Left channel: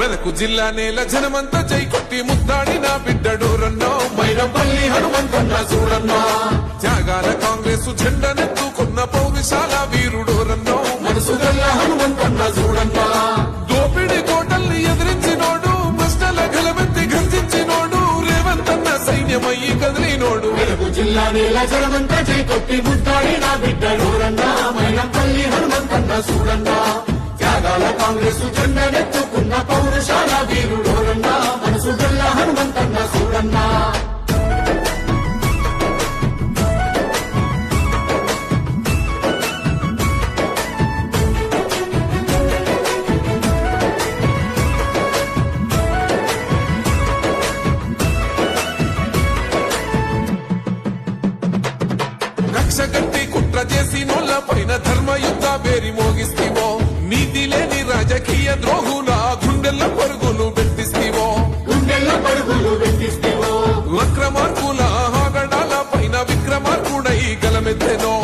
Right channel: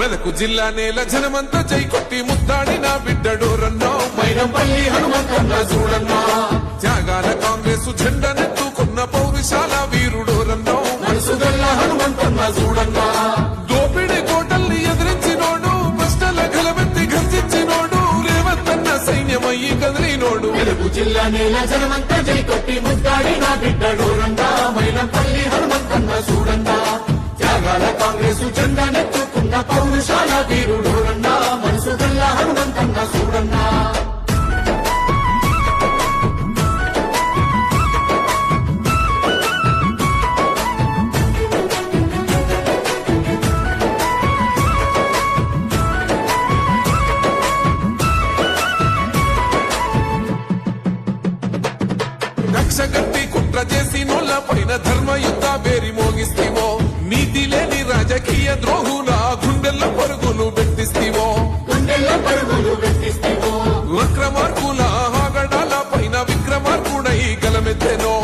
మెదకు జిల్లా నేల జనమంతా జై కొట్టి ముద్దాడి నా బిడ్డడోరన్నో మైనంపల్లి హనుమంతన్న చూడన్నో త్యాగాల కాంగ్రెస్ జెండనెత్తుకున్న పౌరుషాల వీరుడోరన్నో మనసు గల్ల హనుమంతన్న చూడన్నో దోపిడి కోటల్ని ఎదిరించినోడు ప్రశ్నల గలమెత్తి గర్జించినోడు రేవంతన్న సైన్యమయ్యి కదిలినోడు మెదకు జిల్లా నేల జనమంతా జై కొట్టి ముద్దాడి నా బిడ్డడోరన్నో మైనంపల్లి హనుమంతన్న చూడన్నో త్యాగాల కాంగ్రెస్ జెండనెత్తుకున్న పౌరుషాల వీరుడోరన్నో మనసు గల్ల హనుమంతన్న చూడన్నో కక్షగట్టి కుట్ర చేసి నోళ్ల పైన ధర్మయుద్ధ వేరి మోగిస్తీవో నీతి లేని రాజకీయ ద్రోహుల గుండెల్ల పరుగులు పెట్టిస్తీవో వక్రమార్కుల ఆగడాల పైన విక్రమార్కుడై గలమెత్తెనో